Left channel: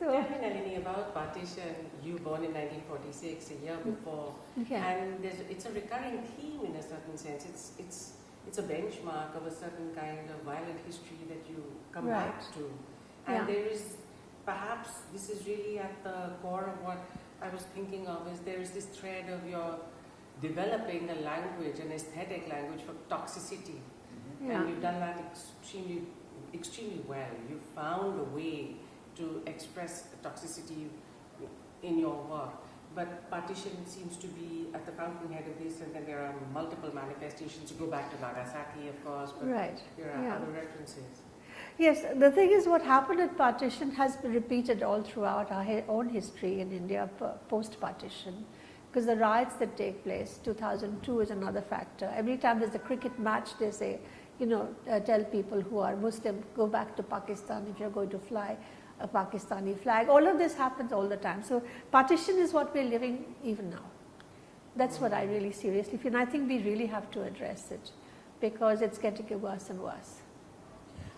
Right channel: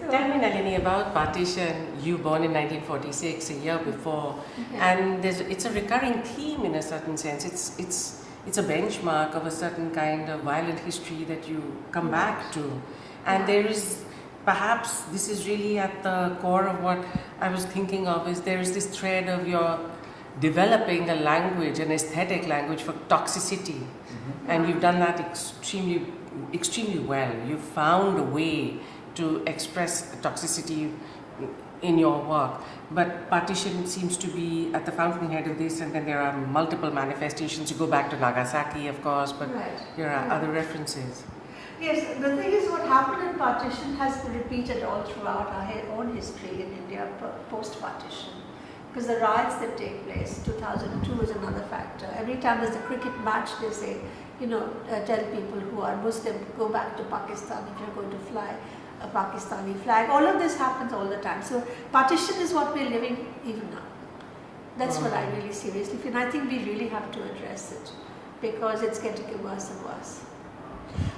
But tell me, Nalini, about partition. You born in 1946, a year before, and it's a recurring theme in a certain sense. It's a benchmark of a certain kind of violent history that you come back to, and there is perhaps this is really at the core of what I was thinking of. Is there is this thread of your developing a language, an aesthetic language for toxicity, and you've done that extremely well. You've found a way to express toxicity in your work, but partition seems to be at the fountainhead of this, and then there are multiple manifestations. You go back to Nagasaki, of course, but there are other references. Yes, the thing is, what happened at partition has been repeated all throughout our own history in India post-partition. Because the riots that take place, 2002 is another factor. Every time there's a cricket match, they say, tell people who are Muslim, go back to Pakistan if you're going to fly a Pakistani flag. All of this happens all the time. So partition is what we're living even now. That's what I really seriously feel. And I think we really have to address it because it's getting worse and worse.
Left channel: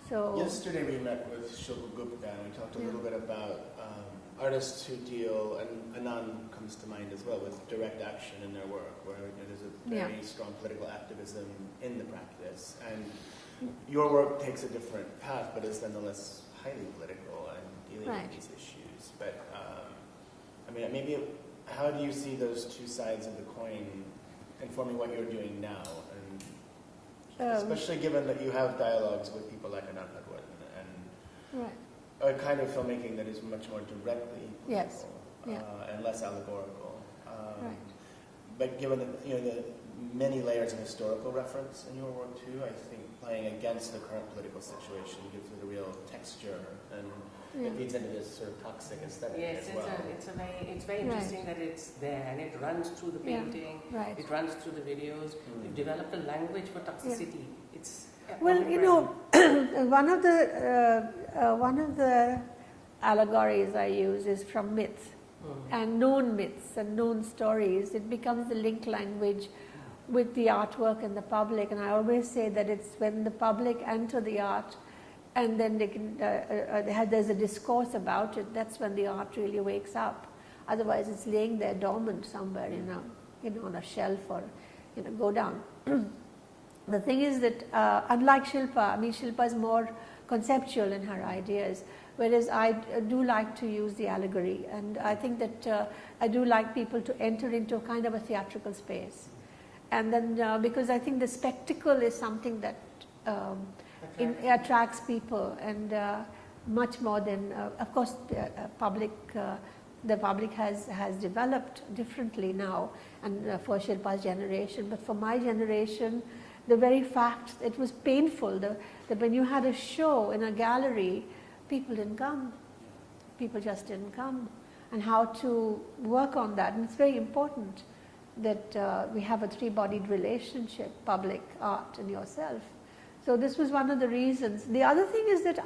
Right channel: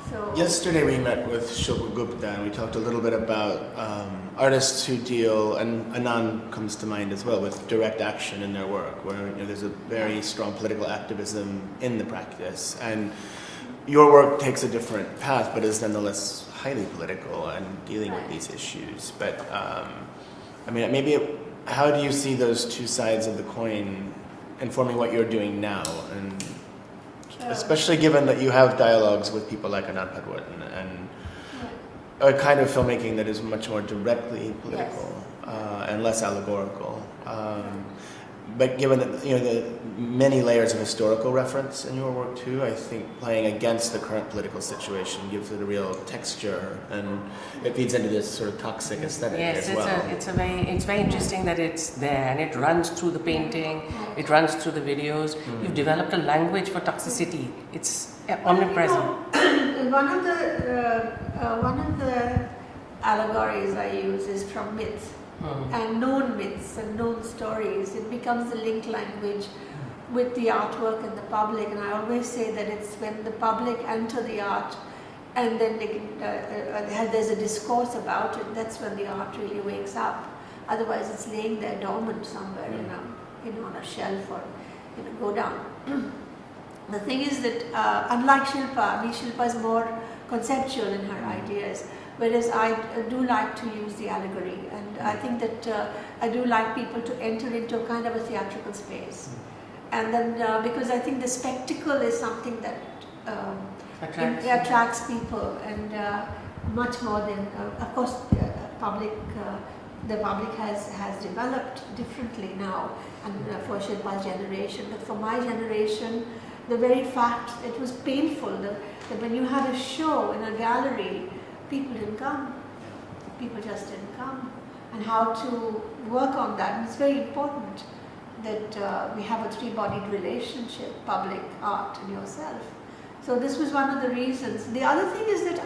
So yesterday we met with Shilpa Gupta and we talked a little bit about artists who deal, and Anand comes to mind as well, with direct action in their work, where there's a very strong political activism in the practice. And your work takes a different path, but is nonetheless highly political and dealing with these issues. But how do you see those two sides of the coin informing what you're doing now? And especially given that you have dialogues with people like Anand Padwardhan and a kind of filmmaking that is much more directly political and less allegorical. But given that the many layers of historical reference in your work too, I think playing against the current political situation gives it a real texture, and it feeds into this sort of toxic aesthetic as well. Yes, it's very interesting that it's there, and it runs through the painting, it runs through the videos. You've developed a language for toxicity. It's omnipresent. One of the allegories I use is from myth. And known myths and known stories. It becomes the link language with the artwork and the public. And I always say that it's when the public enter the art and then they can, there's a discourse about it, that's when the art really wakes up. Otherwise it's laying there dormant somewhere, on a shelf or go down. The thing is that unlike Shilpa, Shilpa is more conceptual in her ideas. Whereas I do like to use the allegory, and I think that I do like people to enter into a kind of a theatrical space. And then because I think the spectacle is something that attracts people, and much more than, of course, the public has developed differently now, and for Shilpa's generation. But for my generation, the very fact, it was painful that when you had a show in a gallery, people didn't come. People just didn't come. And how to work on that. And it's very important that we have a three-bodied relationship, public, art, and yourself. So this was one of the reasons. The other thing is that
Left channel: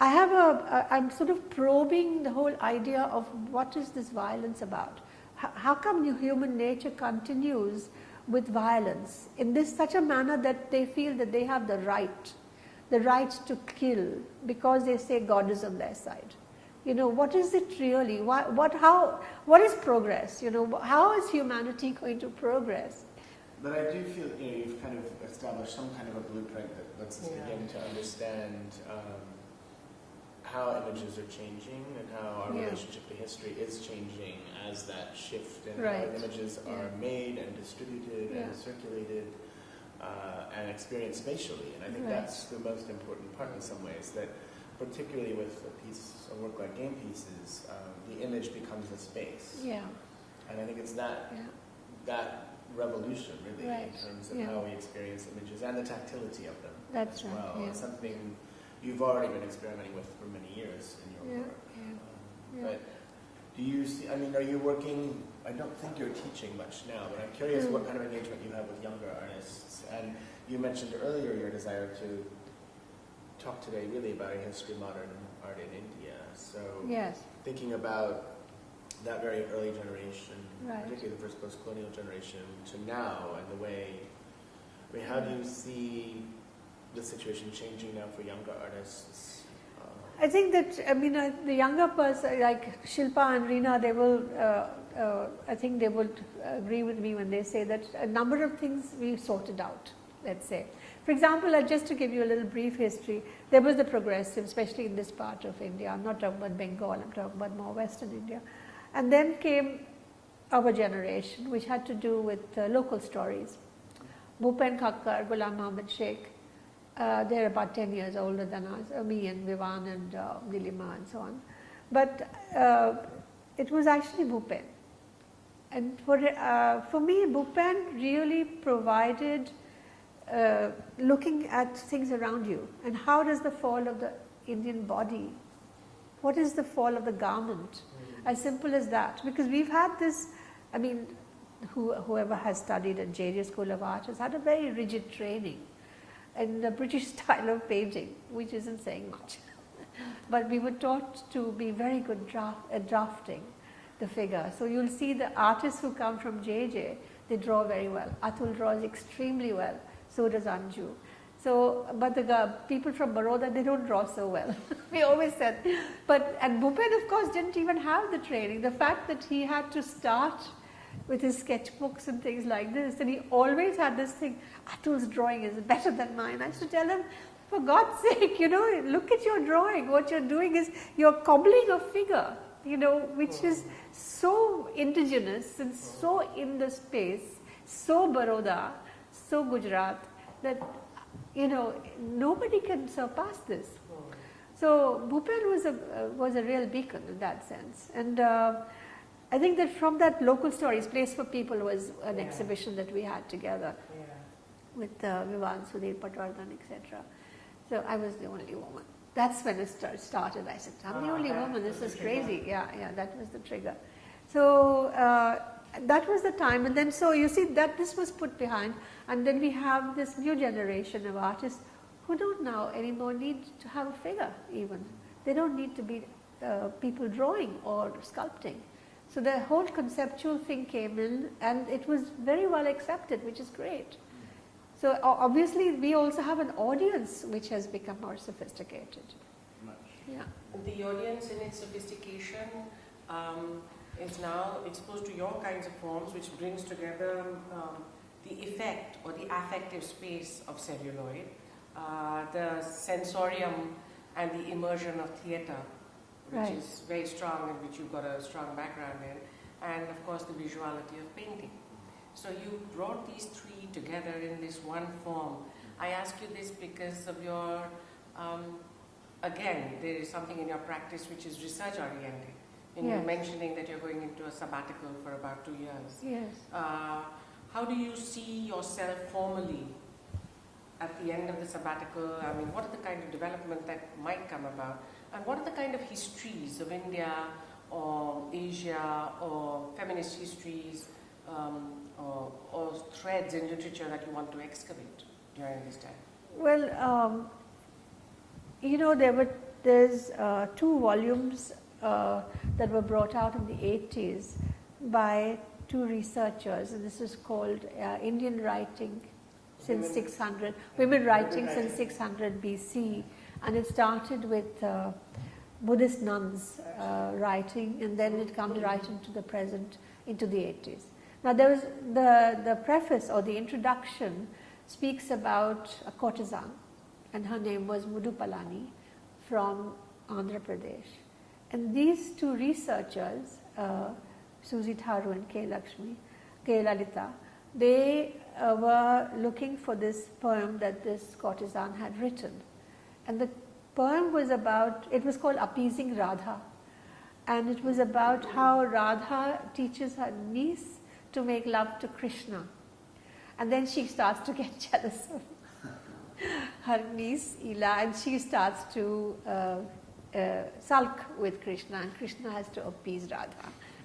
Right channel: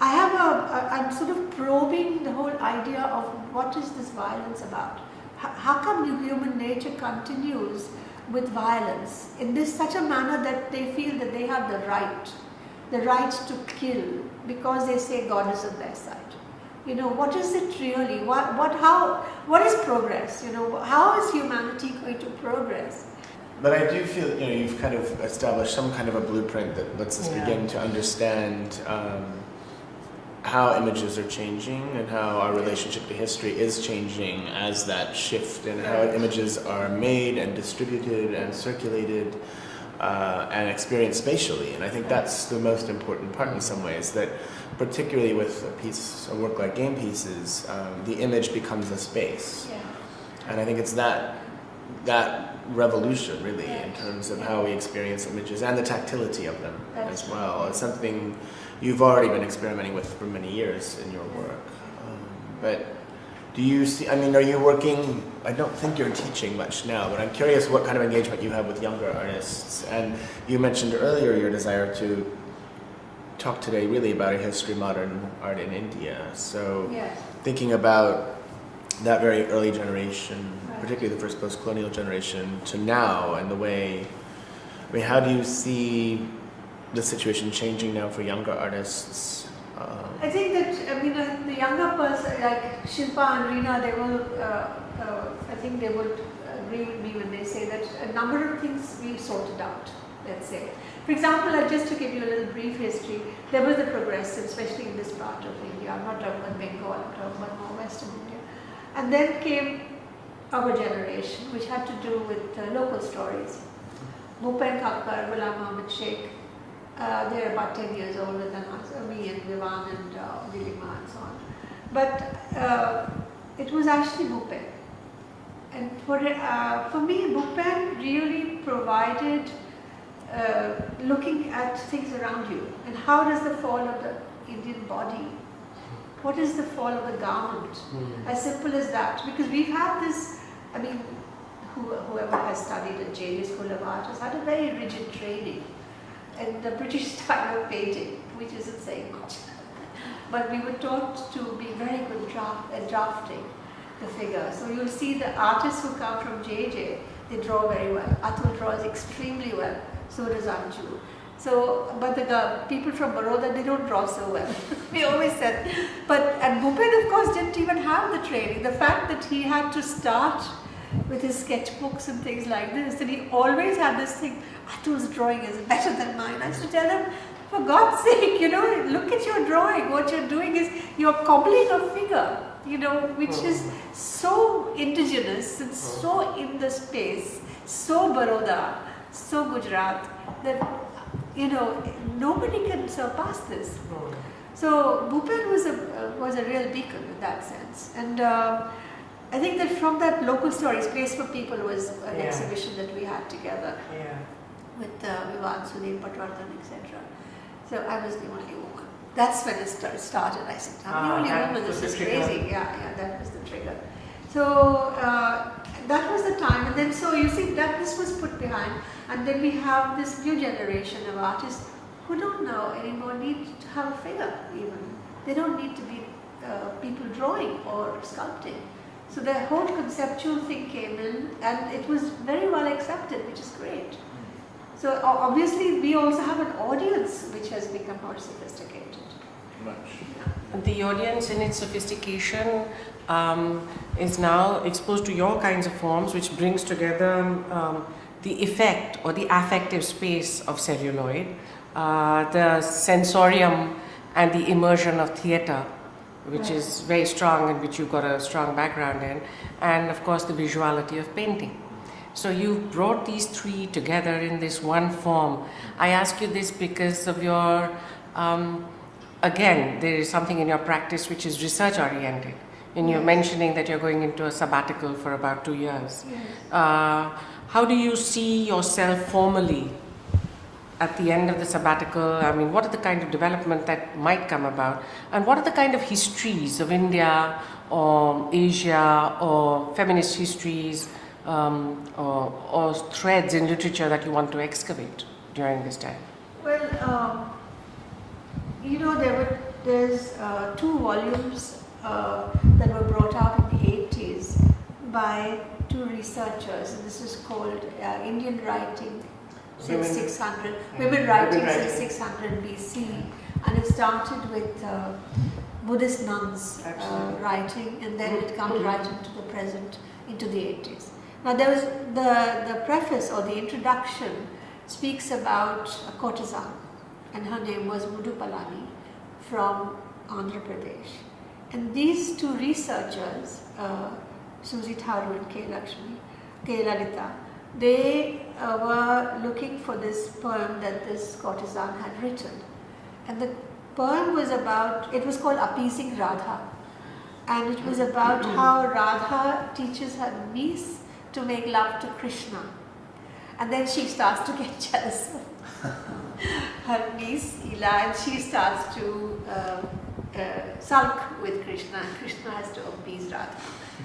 I'm sort of probing the whole idea of what is this violence about? How come human nature continues with violence in such a manner that they feel that they have the right to kill, because they say God is on their side. What is it really? What is progress? How is humanity going to progress? But I do feel, you've kind of established some kind of a blueprint that lets us begin to understand how images are changing and how our relationship to history is changing as that shift, and how images are made and distributed and circulated and experienced spatially. And I think that's the most important part in some ways, that particularly with a work like Game Pieces, the image becomes a space. And I think it's that revolution really in terms of how we experience images and the tactility of them as well. It's something you've already been experimenting with for many years in your work. But do you see, are you working, I don't think you're teaching much now, but I'm curious what kind of engagement you have with younger artists. And you mentioned earlier your desire to talk today really about a history of modern art in India. So thinking about that very early generation, particularly the first post-colonial generation, to now, and the way, how do you see the situation changing now for younger artists I think that, I mean, the younger person, like Shilpa and Reena, they will, I think they would agree with me when they say that a number of things we sorted out, let's say. For example, just to give you a little brief history, there was the progressive, especially in this part of India. I'm not talking about Bengal, I'm talking about more Western India. And then came our generation, which had to do with local stories. Bhupen Thakkar, Ghulam Ahmed Sheikh, they're about 10 years older than us, me and Vivan and Nilima and so on. But it was actually Bhupen. And for me, Bhupen really provided looking at things around you. And how does the fall of the Indian body, what is the fall of the garment? As simple as that. Because we've had this, I mean, whoever has studied at JJ School of Art has had a very rigid training in the British style of painting, which isn't saying much. But we were taught to be very good at drafting the figure. So you'll see the artists who come from JJ, they draw very well. Atul draws extremely well, so does Anju. So, but the people from Baroda, they don't draw so well. We always said. And Bhupen, of course, didn't even have the training. The fact that he had to start with his sketchbooks and things like this, and he always had this thing, Atul's drawing is better than mine. I used to tell him, for God's sake, look at your drawing. What you're doing is you're cobbling a figure, which is so indigenous and so in the space, so Baroda, so Gujarat, that, nobody can surpass this. So Bhupen was a real beacon in that sense. And I think that from that local stories, Place for People was an exhibition that we had together with Vivan, Sudhir Patwardhan, etc. So I was the only woman. That's when it started. I said, I'm the only woman, this is crazy. Yeah, that was the trigger. So that was the time. And then, so you see that this was put behind. And then we have this new generation of artists who don't now anymore need to have a figure even. They don't need to be people drawing or sculpting. So the whole conceptual thing came in and it was very well accepted, which is great. So obviously we also have an audience which has become more sophisticated. The audience in its sophistication is now exposed to your kinds of forms, which brings together the effect or the affective space of celluloid, the sensorium and the immersion of theatre, which is very strong and which you've got a strong background in, and of course the visuality of painting. So you've brought these three together in this one form. I ask you this because of your, again, there is something in your practice which is research oriented. And you're mentioning that you're going into a sabbatical for about 2 years. Yes. How do you see yourself formally at the end of the sabbatical? I mean, what are the kind of development that might come about? And what are the kind of histories of India or Asia or feminist histories or threads in literature that you want to excavate during this time? Well, there's 2 volumes that were brought out in the 80s by 2 researchers, and this is called Indian Writing since 600, Women Writing since 600 BC, and it started with Buddhist nuns writing, and then it comes right into the present, into the 80s. Now there was the preface or the introduction speaks about a courtesan, and her name was Madhvi Parekh from Andhra Pradesh. And these 2 researchers, Susie Tharu and K. Lalita, they were looking for this poem that this courtesan had written. And the poem was about, it was called Appeasing Radha. And it was about how Radha teaches her niece to make love to Krishna. And then she starts to get jealous of her niece, Ila, and she starts to sulk with Krishna, and Krishna has to appease Radha.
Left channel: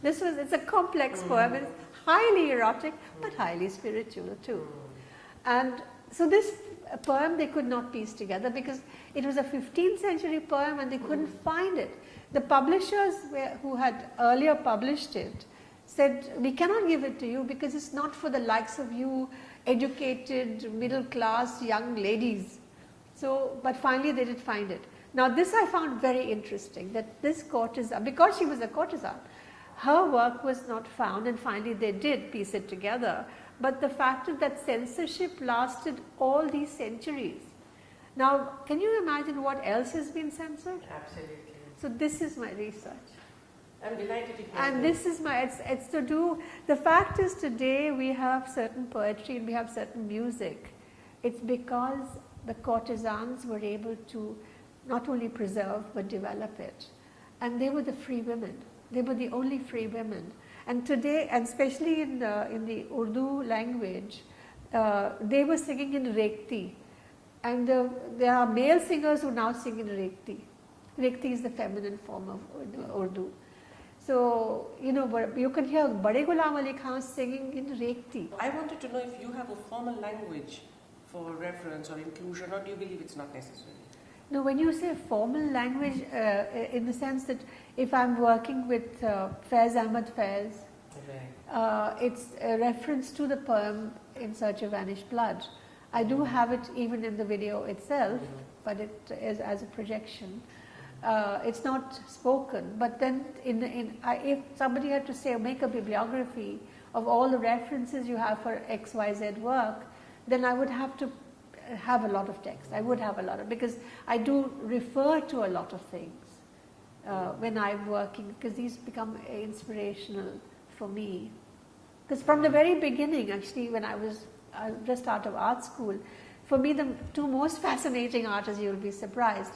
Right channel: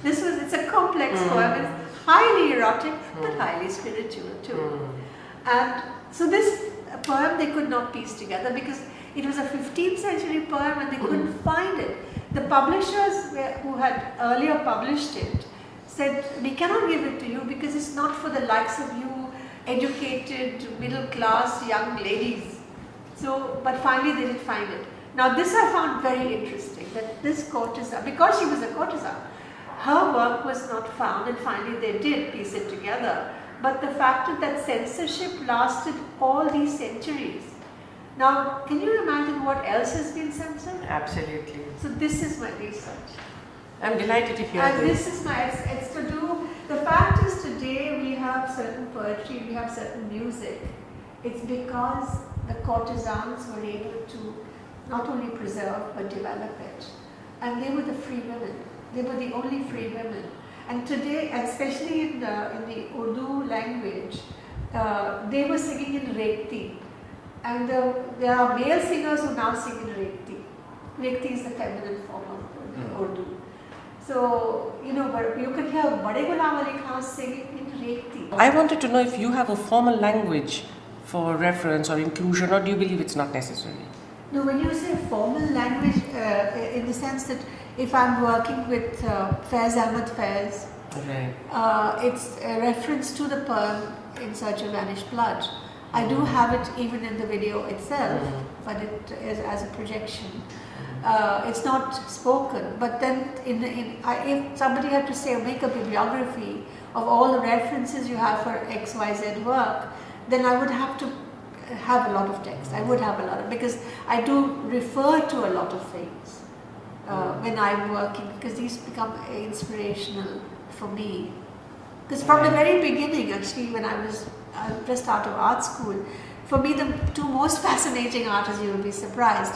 It's a complex poem, it's highly erotic, but highly spiritual too. And so this poem they could not piece together because it was a 15th century poem and they couldn't find it. The publishers who had earlier published it said, we cannot give it to you because it's not for the likes of you educated, middle class young ladies. So, but finally they did find it. Now this I found very interesting, that this courtesan, because she was a courtesan, her work was not found, and finally they did piece it together. But the fact is that censorship lasted all these centuries. Now, can you imagine what else has been censored? Absolutely. So this is my research. I'm delighted to hear And this. this is my, it's to do, the fact is today we have certain poetry, we have certain music. It's because the courtesans were able to not only preserve but develop it. And they were the free women. They were the only free women. And today, and especially in the Urdu language, they were singing in Rekti. And there are male singers who now sing in Rekti. Rekti is the feminine form of Urdu. So, you know, you can hear Bade Ghulam Ali Khan singing in Rekti. I wanted to know if you have a formal language for reference or inclusion, or do you believe it's not necessary? No, when you say formal language, in the sense that if I'm working with Faiz Ahmad Faiz, Right. it's a reference to the poem In Search of Vanished Blood. I do have it even in the video itself, but it is as a projection. It's not spoken, but then if somebody had to say, make a bibliography of all the references you have for XYZ work, then I would have to have a lot of text. I would have a lot of, because I do refer to a lot of things when I'm working, because these become inspirational for me. Because from the very beginning, actually, when I was just out of art school, for me the two most fascinating artists, you will be surprised,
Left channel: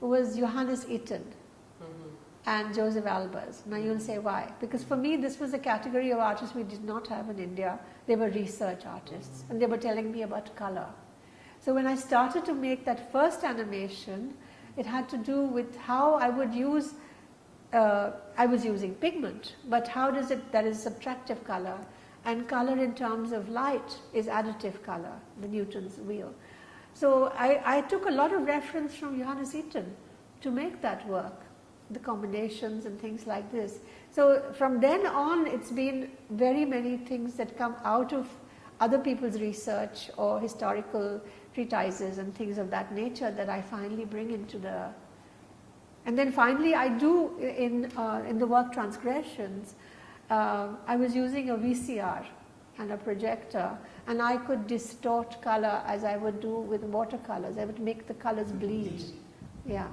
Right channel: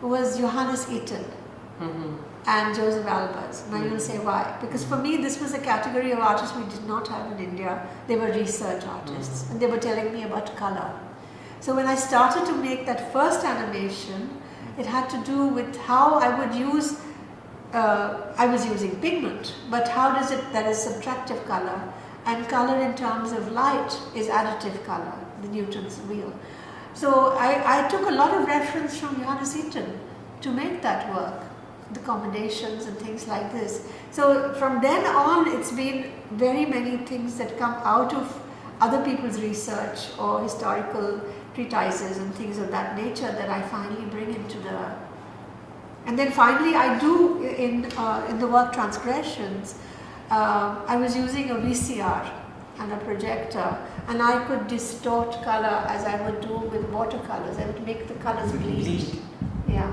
was Johannes Itten and Joseph Albers. Now you will say why? Because for me this was a category of artists we did not have in India. They were research artists and they were telling me about color. So when I started to make that first animation, it had to do with how I would use, I was using pigment, but how does it, that is subtractive color, and color in terms of light is additive color, the Newton's wheel. So I took a lot of reference from Johannes Itten to make that work, the combinations and things like this. So from then on, it's been very many things that come out of other people's research or historical treatises and things of that nature that I finally bring into the... And then finally I do, in the work Transgressions, I was using a VCR and a projector, and I could distort color as I would do with watercolors. I would make the colors bleed. Yeah.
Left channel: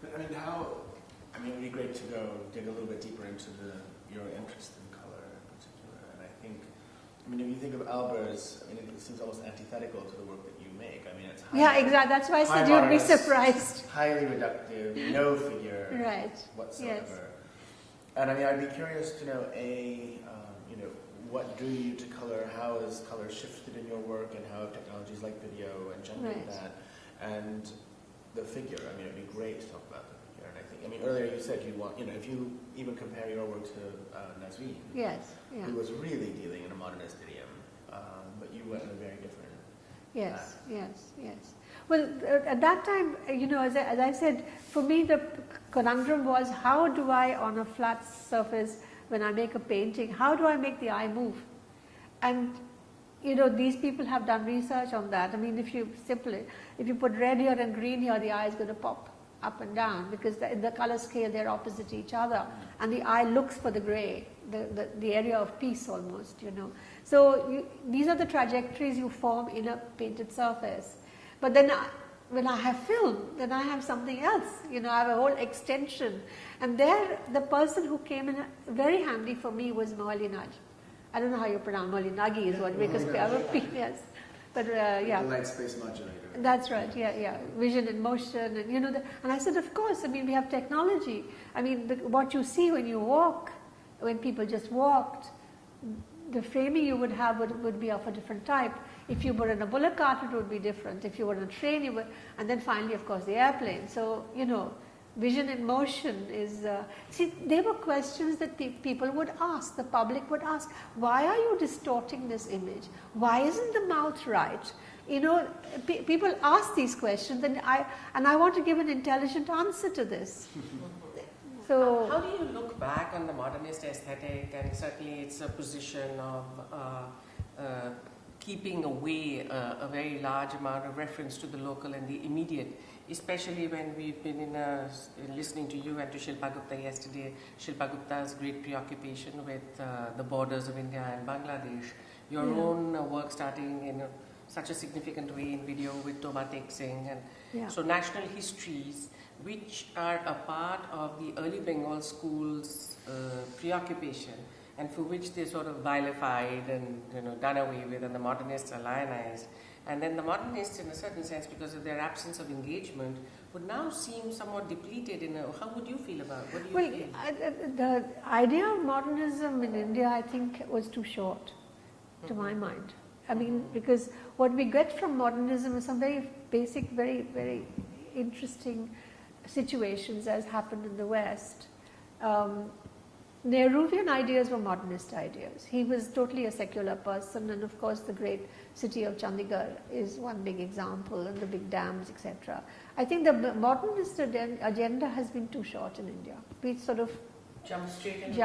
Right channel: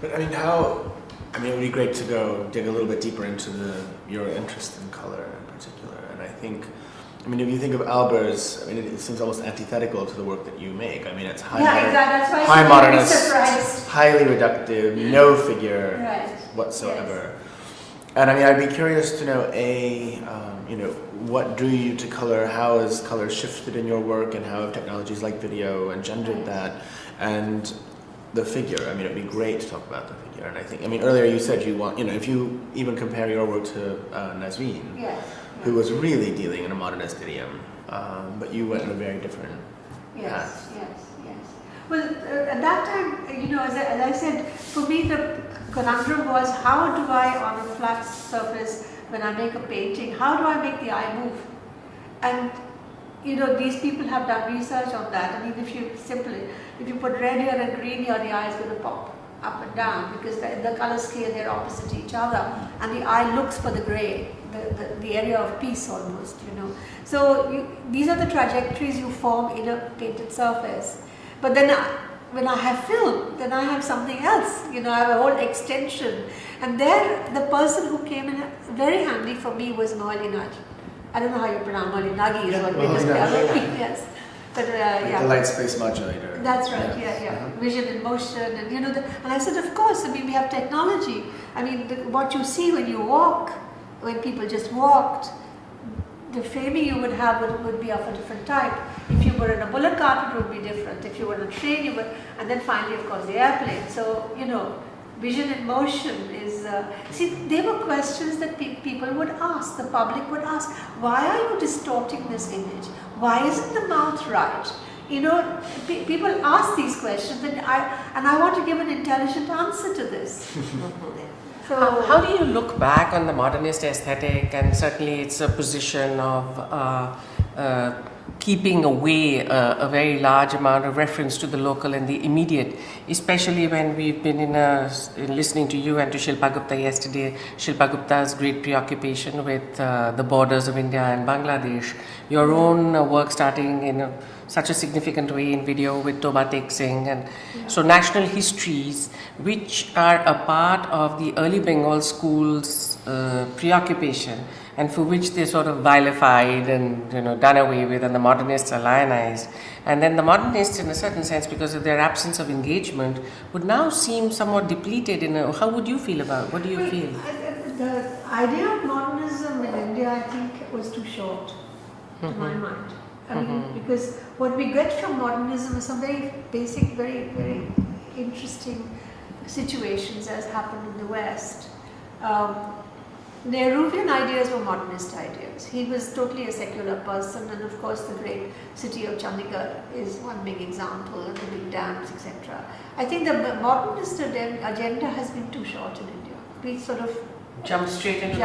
But I mean, it would be great to go dig a little bit deeper into your interest in color in particular. And I think, if you think of Albers, it seems almost antithetical to the work that you make. It's high, exactly. That's why high modernist, surprised. highly reductive, no figure whatsoever. Yes. And I'd be curious to know, what drew you to color? How has color shifted in your work, and how have technologies like video engendered that? And the figure. It'd be great to talk about the figure. And I think, earlier you said you want, if you even compare your work to Nazreen, who was really dealing in a modernist idiom, but you went in a very different path. Yes. Well, at that time, as I said, for me the conundrum was, how do I, on a flat surface, when I make a painting, how do I make the eye move? And these people have done research on that. If you put red here and green here, the eye is going to pop up and down, because in the color scale they're opposite each other, and the eye looks for the gray, the area of peace almost, So these are the trajectories you form in a painted surface. But then when I have film, then I have something else, I have a whole extension. And there, the person who came in very handy for me was Molinaj. I don't know how you pronounce Molinagi is what we discovered. Yes. But the light space modulator. That's right, yeah. Vision in motion, and and I said, of course, we have technology. What you see when you walk, when people just walked, the framing you would have would be of a different type. If you were in a bullock cart, it would be different. If you were in a train, and then finally, of course, the airplane. So, vision in motion is, there were questions that people would ask, the public would ask, why are you distorting this image? Why isn't the mouth right? People ask these questions, and I want to give an intelligent answer to this. So, how do you look back on the modernist aesthetic, and certainly it's a position of keeping away a very large amount of reference to the local and the immediate, especially when we've been in listening to you and to Shilpa Gupta yesterday, Shilpa Gupta's great preoccupation with the borders of India and Bangladesh, your own work starting in such a significant way in video with Toba Tek Singh, and so national histories which are a part of the early Bengal school's preoccupation, and for which they're sort of vilified and done away with, and the modernists are lionized. And then the modernists, in a certain sense, because of their absence of engagement, would now seem somewhat depleted. How would you feel about? What do you feel? The idea of modernism in India, I think, was too short, to my mind. I mean, because what we get from modernism is some very basic, very, very interesting situations as happened in the West. Nehruvian ideas were modernist ideas. He was totally a secular person, and of course the great city of Chandigarh is one big example, and the big dams, etc. I think the modernist agenda has been too short in India. We sort of jump straight into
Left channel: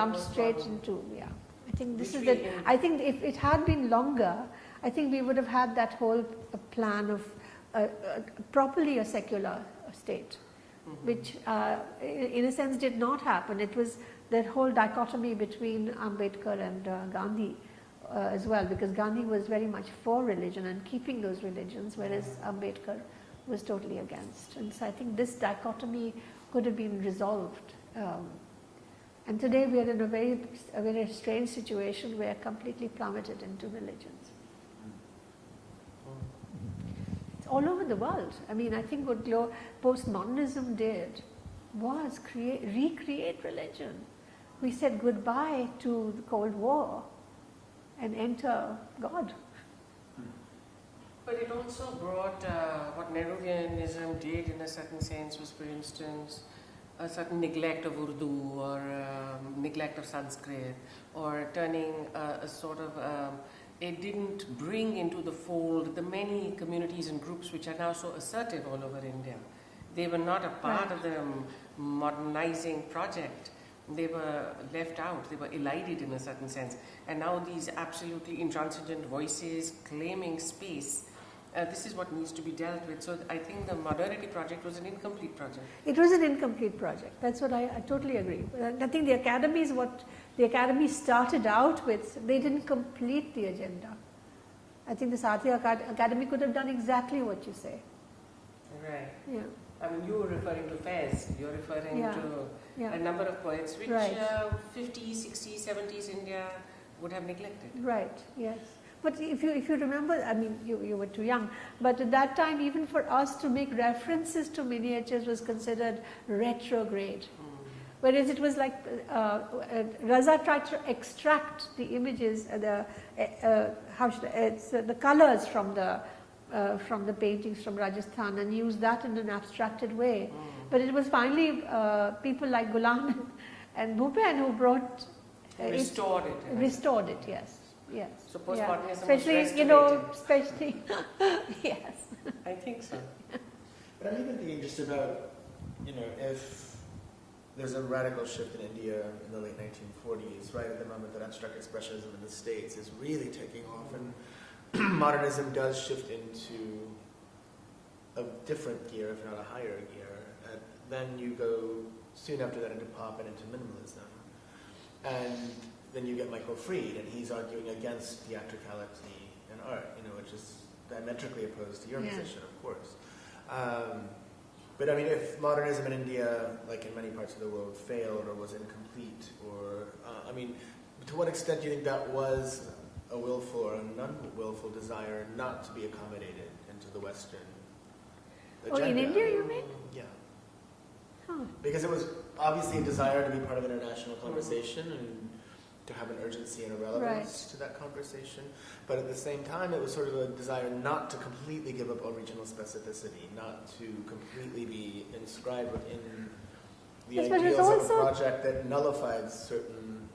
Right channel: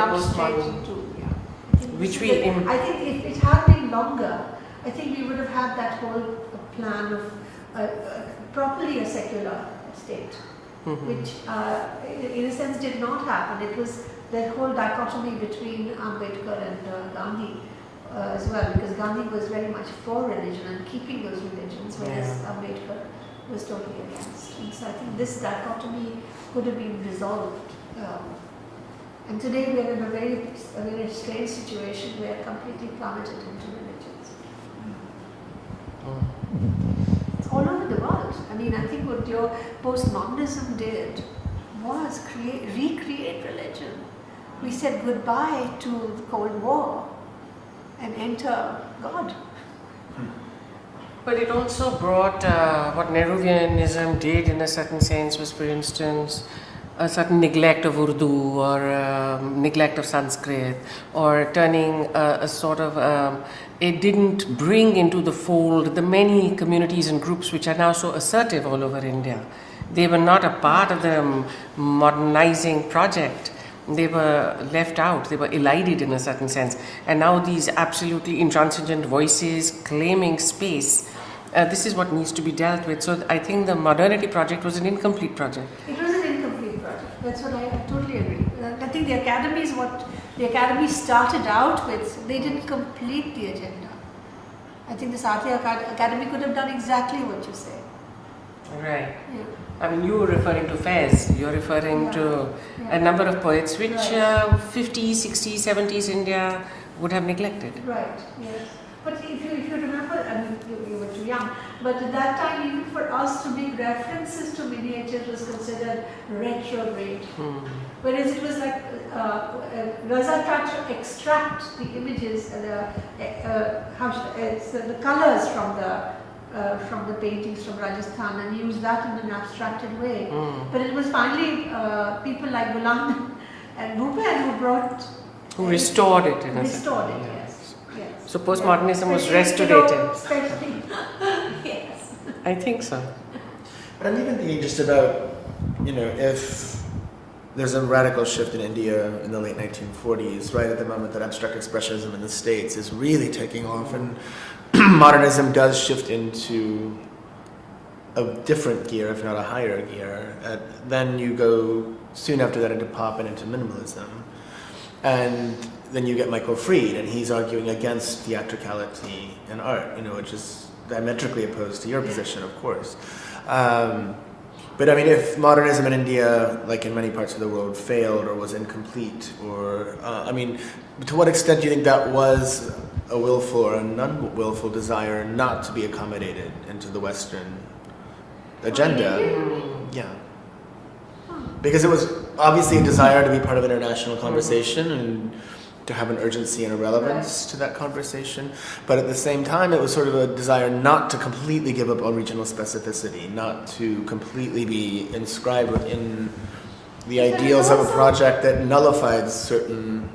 I think if it had been longer, I think we would have had that whole plan of properly a secular state, which in a sense did not happen. It was that whole dichotomy between Ambedkar and Gandhi as well, because Gandhi was very much for religion and keeping those religions, whereas Ambedkar was totally against. And so I think this dichotomy could have been resolved. And today we are in a very strange situation. We are completely plummeted into religions. It's all over the world. I mean, I think what your postmodernism did was recreate religion. We said goodbye to the Cold War and enter God. But it also brought what Nehruvianism did in a certain sense was, for instance, a certain neglect of Urdu or neglect of Sanskrit, or turning a sort of, it didn't bring into the fold the many communities and groups which are now so assertive all over India. They were not a part of the modernizing project. They were left out, they were elided in a certain sense. And now these absolutely intransigent voices claiming space, this is what needs to be dealt with. So I think the modernity project was an incomplete project. It was an incomplete project. That's what I totally agree. I think the academy is what the academy started out with. They didn't complete the agenda. I think the Satya Academy could have done exactly what you say. Right. Yeah. I mean, you were referring to Fez, you're referring to a number of poets which 50s, 60s, 70s India would have neglected. Right, yes. But if you remember, I mean, you were too young, but at that time, even for us to make references to miniatures was considered retrograde. Whereas it was like Raza tried to extract the images, the colors from the paintings from Rajasthan and use that in an abstracted way. But it was finally people like Gulam and Bhupen who restored it. Restored it, yes. Yes. So postmodernism was restorated. Especially, yes. I think so. But I'm even thinking just about, if there's a radical shift in India in the late 1940s, right at the moment that abstract expressionism in the States is really taking off, and modernism does shift into a different gear, if not a higher gear. Then you go soon after that into pop and into minimalism. And then you get Michael Fried, and he's arguing against theatricality in art, which is diametrically opposed to your position, of course. But I mean, if modernism in India, like in many parts of the world, failed or was incomplete, or, to what extent do you think that was a willful or a non-willful desire not to be accommodated into the Western agenda? Yeah. Because it was obviously a desire to be part of international conversation and to have an urgency and a relevance to that conversation. But at the same time, it was sort of a desire not to completely give up on regional specificity, not to completely be inscribed within the ideals of a project that nullified certain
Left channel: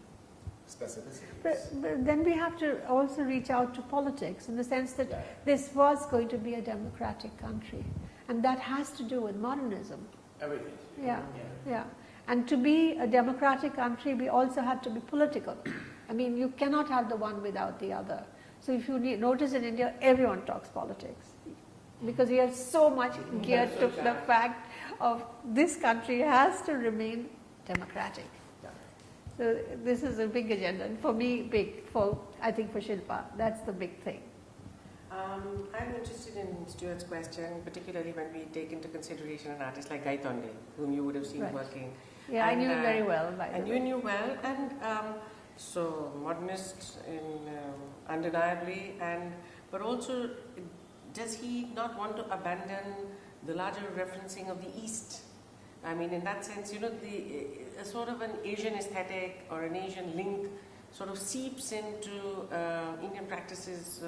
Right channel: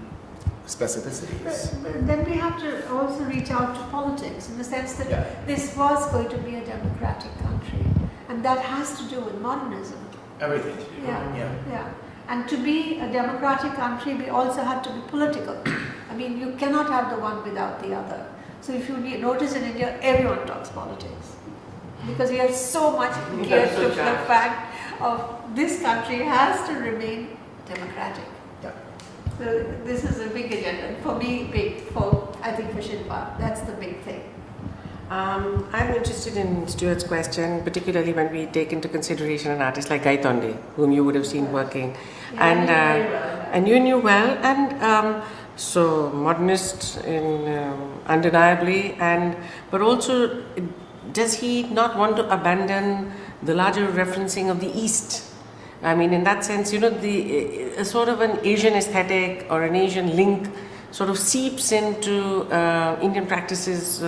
specificities. But then we have to also reach out to politics in the sense that this was going to be a democratic country, and that has to do with modernism. Everything. Yeah. And to be a democratic country, we also have to be political. I mean, you cannot have the one without the other. So if you notice in India, everyone talks politics. Because we are so much geared to the fact of this country has to remain democratic. Yeah. So this is a big agenda. And for me, big. I think for Shilpa, that's the big thing. I'm interested in Stuart's question, particularly when we take into consideration an artist like Gayatri, whom you would have seen working. Yeah, And, I knew very well. and you knew well, and so modernist undeniably, but also, does he not want to abandon the larger referencing of the East? I mean, in that sense, a sort of an Asian aesthetic or an Asian link sort of seeps into Indian practices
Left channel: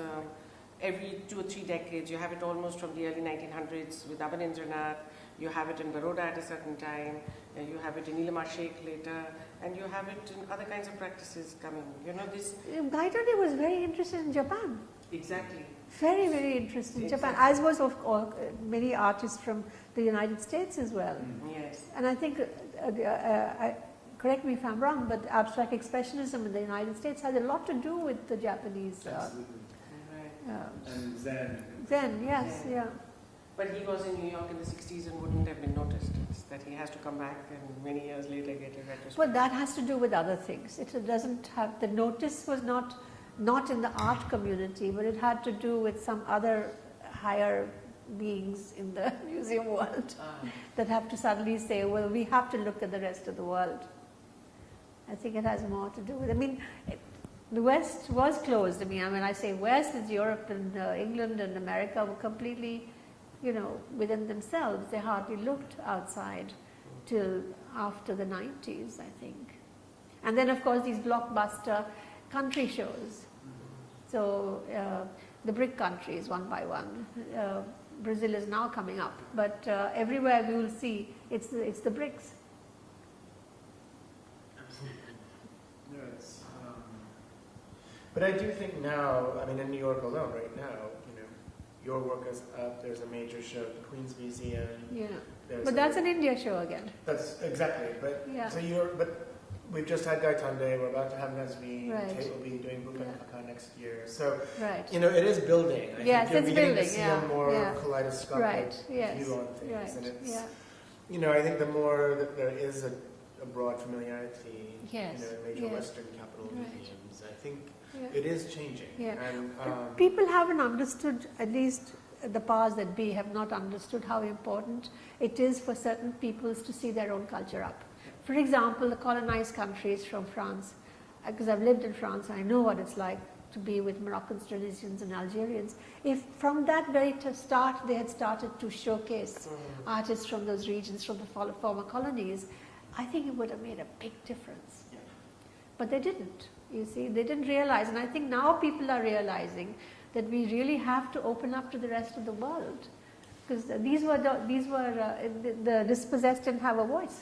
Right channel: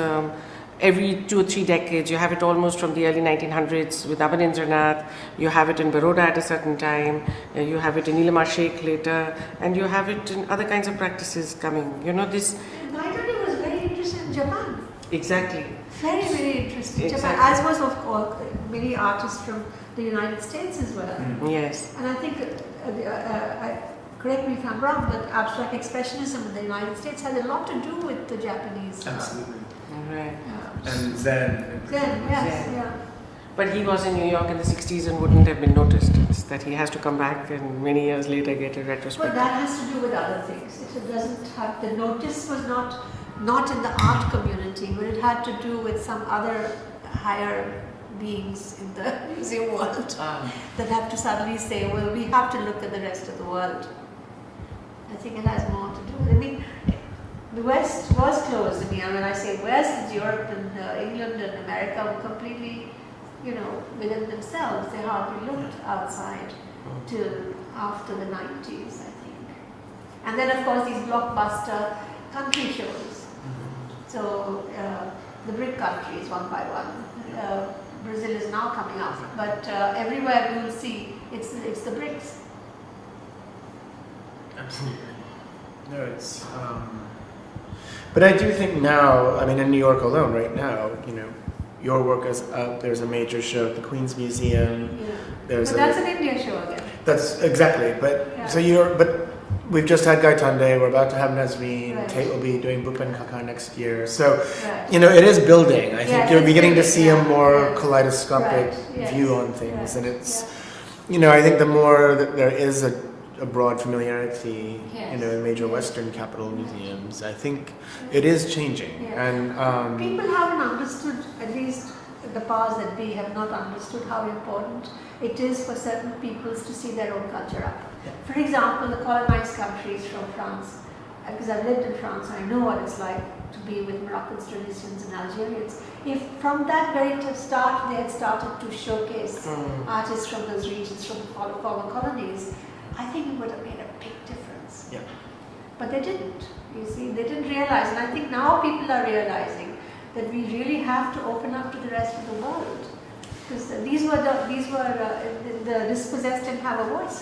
every 2 or 3 decades. You have it almost from the early 1900s with Abanindranath, you have it in Baroda at a certain time, you have it in Nilima Sheikh later, and you have it in other kinds of practices coming. This. Gayatri was very interested in Japan. Exactly. Very, very interesting. Exactly. Japan, as was of course many artists from the United States as well. Yes. And I think, correct me if I'm wrong, but abstract expressionism in the United States had a lot to do with the Japanese. Absolutely. Right. And Zen. Zen, yes, Zen. yeah. But he was in New York in the 60s and wouldn't have been noticed. It's that he has to come back and many years later get a Well, retrospective. that has to do with other things. It doesn't have, the notice was not in the art community, but it had to do with some other higher beings in the museum world that have to suddenly say, well, we have to look at the rest of the world. I think it has more to do with it. I mean, the West was closed. I mean, when I say West, it's Europe and England and America were completely, within themselves. They hardly looked outside till after the 90s, I think. And then, of course, these blockbuster country shows. So the BRIC countries, one by one. Brazil is now coming up, but everywhere we will see it's the BRICS. Absolutely. No, it's. But I do think now, I mean, in New York alone, right now, your work is up. There's a major show at the Queen's Museum. Yeah. There's But that's an India show again. That's exactly. But Yeah. but we've just had Gayatri. We're about to have Nazreen. Right. Kate will be doing Bhupen Kaka next year. So Right. it is building. I Yes, think you're it's beginning to building, see yeah, a more yeah. kaleidoscopic Right, yes, view on things, right, and it's yeah. I think the more that there is a broad familiarity, Yes, in major yes. Western capital museums, I think Yeah. it is changing. Yeah. And People haven't understood, at least the powers that be have not understood how important it is for certain peoples to see their own culture up. For example, the colonized countries from France, because I've lived in France, I know what it's like to be with Moroccans, Tunisians and Algerians. If from that very start they had started to showcase artists from those regions, from the former colonies, I think it would have made a big difference. Yeah. But they didn't. You see, they didn't realize, and I think now people are realizing that we really have to open up to the rest of the world, because the dispossessed didn't have a voice.